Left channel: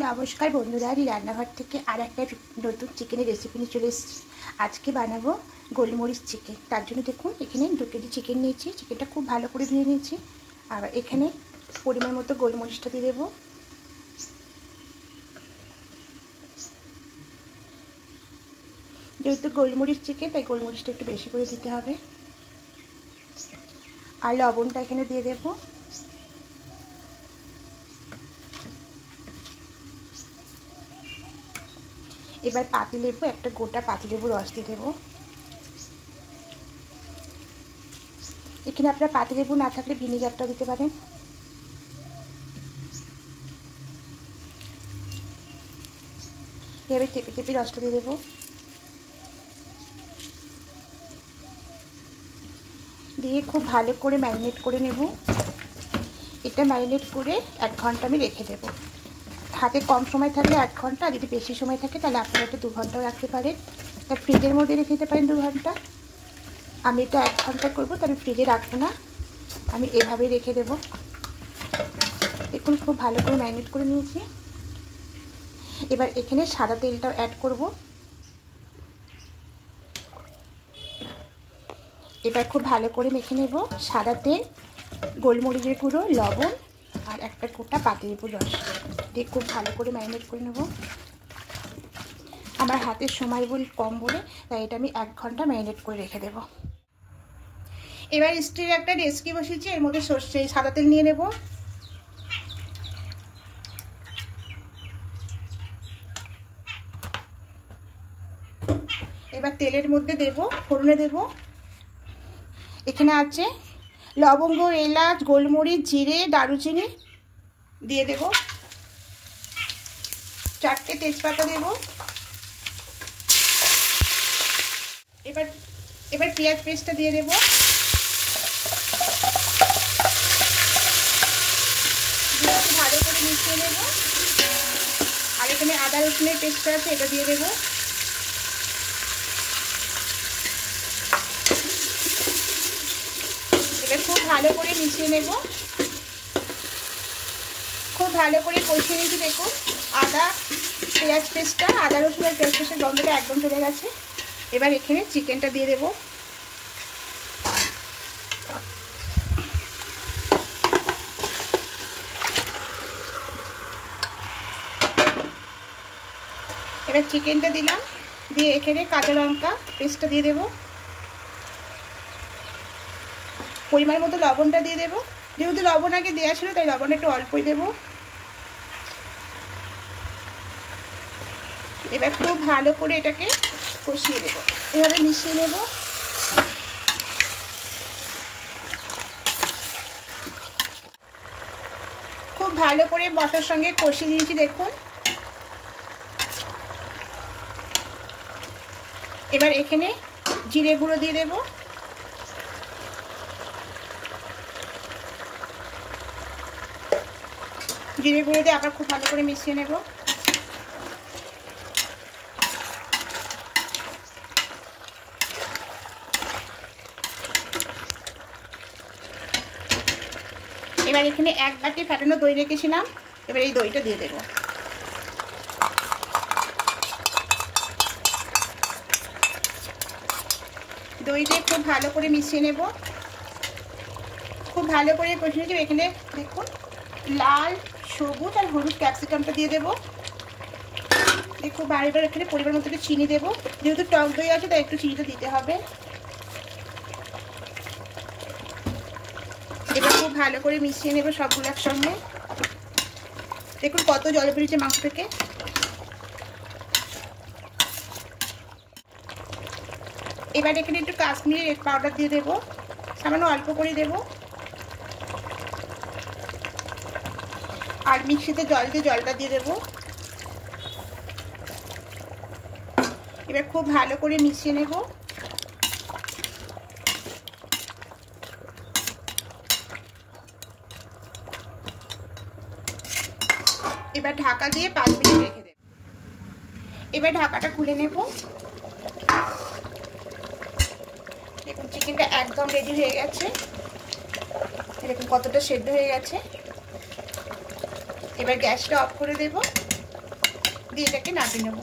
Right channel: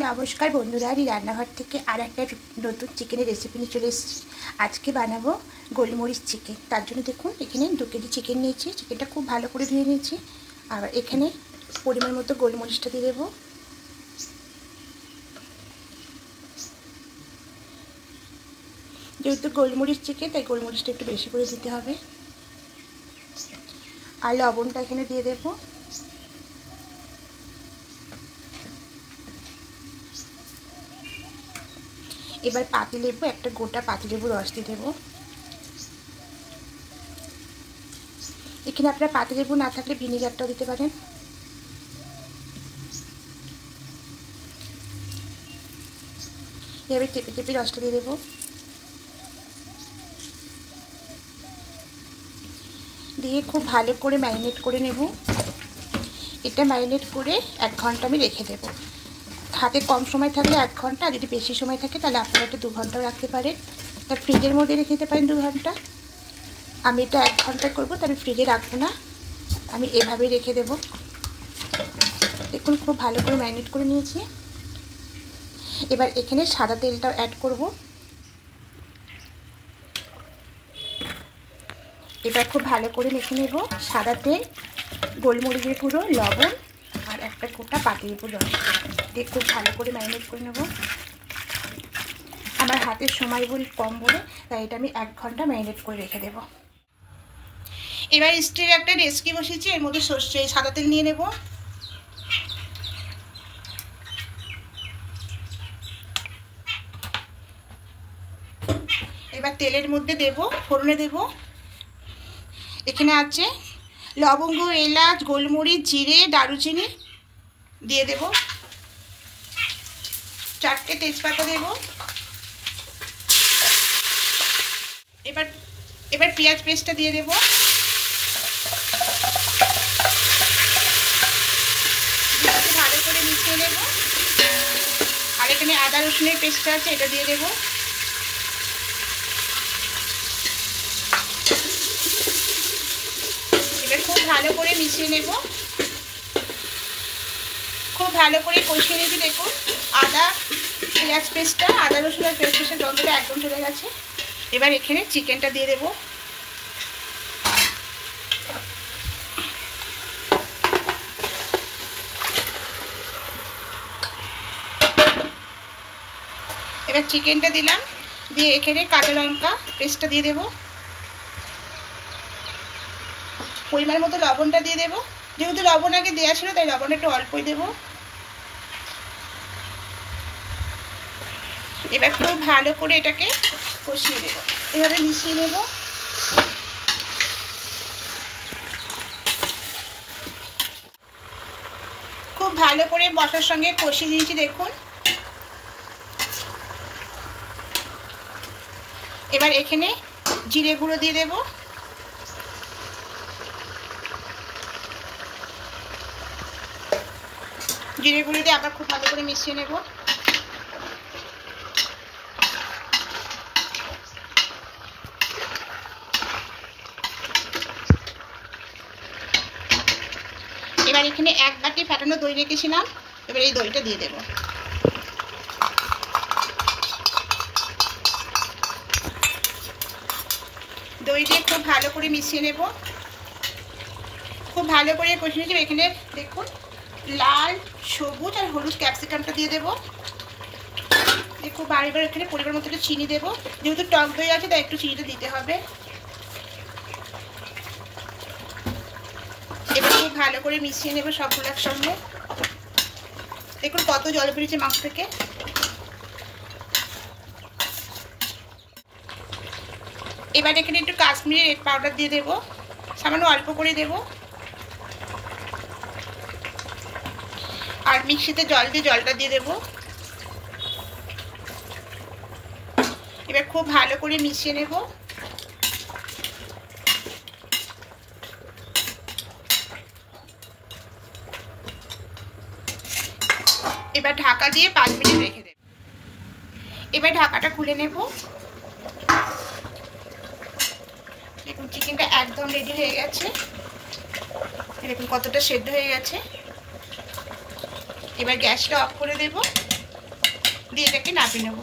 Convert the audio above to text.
নমস্কার বন্ধুরা, রান্নাঘর থেকে আর একটা নতুন চিকেনের রেসিপি নিয়ে চলে এসেছি। আজকে বানাবো গোলমরিচ চিকেন। তার জন্য দেখুন এখানে 2 কেজি চিকেন নিয়েছি। চিকেনটা খুব ভালো করে ধুয়ে নিয়েছি। আর এখানে পরিমাণ মতো গোলমরিচটা দিয়ে দেবো। যেহেতু গোলমরিচ চিকেন তাই গোলমরিচটা একটু বেশি করে দিতে হবে। আর লবণটা এখানে দিয়ে দেবো। এবার পাতিলেবু, একটা গোটা পাতিলেবু রস দিয়ে দেবো। এখানে আপনার পাতিলেবু না থাকলে ভিনেগারটাও দিতে পারেন। এভাবে চেপে চেপে রসটা দিয়ে দেবো। দিয়ে খুব ভালো করে ম্যারিনেট করে নেব। এটা ম্যারিনেট করে 1 ঘন্টা আমি রেখে দেবো। হাতে কম সময় থাকলে 1 ঘন্টা, আর যদি বেশি সময় থাকে তাহলে আপনারা এটা 2 ঘন্টাও রাখতে পারেন। তার ফ্রিজের মধ্যে রেখে দিতে পারেন 2 ঘন্টা। আমি এটা 1 ঘন্টা করবো, তাহলে ফ্রিজে রাখবো না, আমি এভাবেই রেখে দেবো। দেখুন খুব ভালো করে ম্যারিনেট করে নিয়েছি। এবার এখানে সাদা তেলটাও অ্যাড করব। এবার খুব ভালো করে মেখে নেব। সাদা তেল, গোলমরিচের গুঁড়ো, লবণ আর একটা গোটা পাতিলেবুর রস দিয়ে খুব ভালো করে ম্যারিনেট করে নেব। আমার হাতের সময় কম বলে তাই এটা আমি 1 ঘন্টা ম্যারিনেট করে রেখে দেব। এবার স্টিলের একটা ডেচকি বসিয়েছি, এর মধ্যে সাদা তেল নিয়ে নেব। এবার তেলের মধ্যে দেব, ফোড়নে দেব। এখানে আছে লবঙ্গ, এলাচ, গোলমরিচ, জিরে, দারুচিনি দিয়ে দেব। 4টে তেজপাতা দেব। এবার পেঁয়াজ পেস্টটা দিয়ে দেব। ভালো করে মিশিয়ে নেব। আর এখানে আদা রসুনের পেস্টটা আছে, এটা দিয়ে দেব। এবার খুব ভালো করে মিশিয়ে নেব। খুব ভালো করে কষিয়ে নিয়েছি। দেখুন আদা পেঁয়াজ পেস্টটা, আদা রসুনের পেস্টের গন্ধটা একদম চলে গেছে। এবার এখানে চিকেনটা দিয়ে দেব। এবার চিকেনটা দিলাম, দিয়ে এখানে কাঁচা লঙ্কা পেস্টটা দিয়ে দেব। পরিমাণ মতো লবণটা দিয়ে দেব। যেহেতু লবণ আগে দেওয়া ছিল তাই লবণটা একটু অল্পই দেব। এবার খুব ভালো করে এটাকে কষিয়ে দেব। এভাবে মিশিয়ে নেব। খুব ভালো করে মশলার সঙ্গে কষিয়ে নিয়েছি। দেখুন এবার এখানে জিরে গুঁড়ো দিয়ে দেব। জিরে গুঁড়ো দিয়ে আবার খুব ভালো করে মিশিয়ে নেব। এবার এখানে 1 বাটি ফেটানো দই রেখেছিলাম, এবার এই দইটা দিয়ে দেব। দই দিয়ে খুব ভালো করে মিশিয়ে নেব। খুব ভালো করে কষিয়ে নেব। এখানে দেখুন লাল, সবুজ আর হলুদ ক্যাপসিকামটা দিয়ে দেব। খুব বারবার এখানে পরিমাণ মতো চিনি দেব। যেহেতু টক দই আছে তাই একটু চিনিটা দিতে হবে। এবার খুব ভালো করে মিশিয়ে নেব সবগুলো একসঙ্গে। দেখুন কত জল বেরিয়েছে মাংস থেকে। এবার এখানে একটু কাশ্মীরি রেড পাউডার দিয়ে দেব, সামান্য অল্প করে দেব। আর মিক্সিতে জল দিয়ে জলটা দিয়ে দেব। এবার খুব ভালো করে মিশিয়ে নেব। এবার ঢাকা দিয়ে 5 মিনিট রেখে দেব। এবার ঢাকাটা খুলে নেব। দেখুন চিকেনটা একদম রেডি হয়ে গেছে। দেখুন কতটা সেদ্ধ হয়ে গেছে। এবার গ্যাসটা অফ করে দেব। দিয়ে এটাকে নামিয়ে নেব।